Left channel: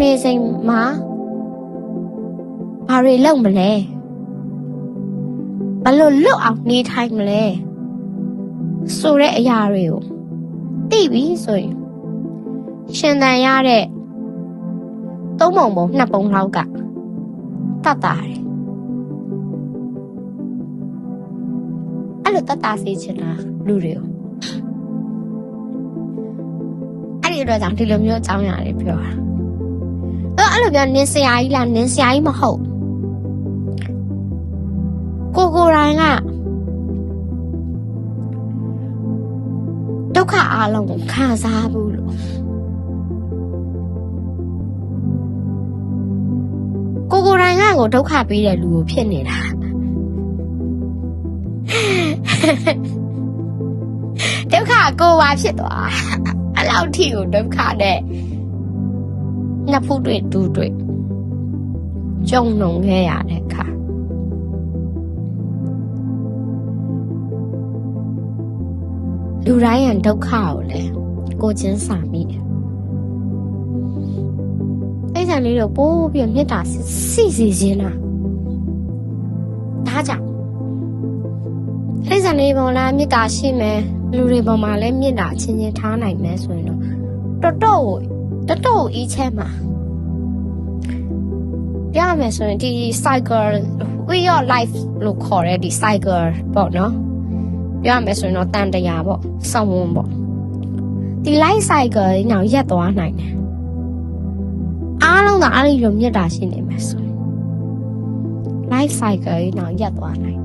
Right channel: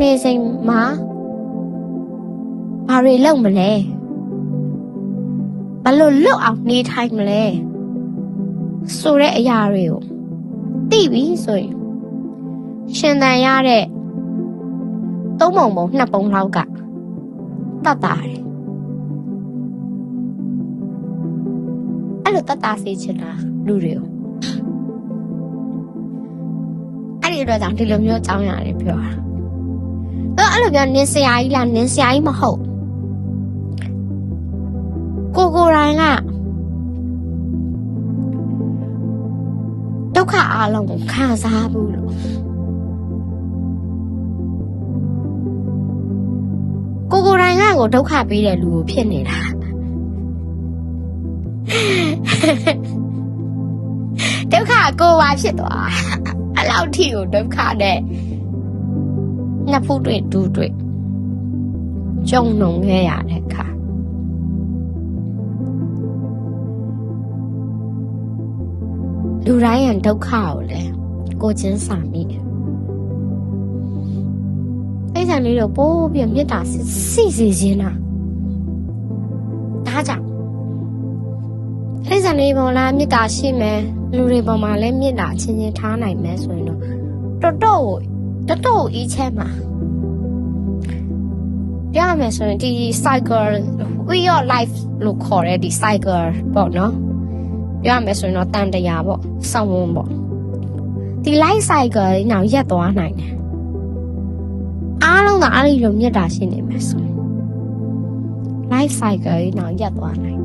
နေစိမ်မှာဘာတွေလုပ်မလဲဘလို့လွတ်အောင်နေထိုင်မလဲဆိုတဲ့အရာတွေကိုသိပြီဆိုရင်ရှင်သန်ရတဲ့သုံးပုံပုံနှစ်ပုံလောက်ကတတ်တာတယ်အဲ့လိုတတ်တာစေချင်တာလူတွေကိုအဲ့ဒီအတွက်ကြောင့်ဒီလိုမျိုးအကြောင်းအရာတွေပြောတာအဲ့လိုများနင်းစရာကြီးလားနင်းစရာကြီးမဟုတ်ကိုယ်တိုင်ကဒုက္ခအလုံးကိုခံစားဘူးလို့ကိုယ်တိုင်ကကိုဒုက္ခပေးတဲ့လူကိုဖြစ်နေတာဒုက္ခကိုပါဖြစ်သွားအလောက်ထိကိုဒုက္ခနဲ့နှစ်ဖူးတွေတူတွေကြုံလုံခဲ့ရတဲ့အခါလူတိုင်းရဲ့ဒုက္ခကိုလည်းကိုချင်းစာမိတယ်အဲ့ဒါလေးတော့ပို့ပြီးမေတ္တာစိစေခြင်းလားဒါကြောင့်အဲ့ဒါလေးပေါ်လာမေတ္တာရှိမယ်လူတွေပေါ်မှာလည်းမေတ္တာချင်းချင်းထားနိုင်မယ်ဆိုရင်တော့တော်တော်အေးချမ်းပါရမယ်ဆိုရင်ဒီ cycle we your life လို့ခေါ်တဲ့ဒီ cycle ပေါ့နော်ရမယ်ဆိုရင်တော့တန်တရားပေါ့စောင်းဝန်းပေါ့ဒီ life cycle ကြီးနောက်ရက်သွားနိုင်တယ်အားလုံးကအဲ့ဒီလိုမြတ်တာရှိနေမယ်ဆို life cycle ကြီးနောက်ရက်သွားနိုင်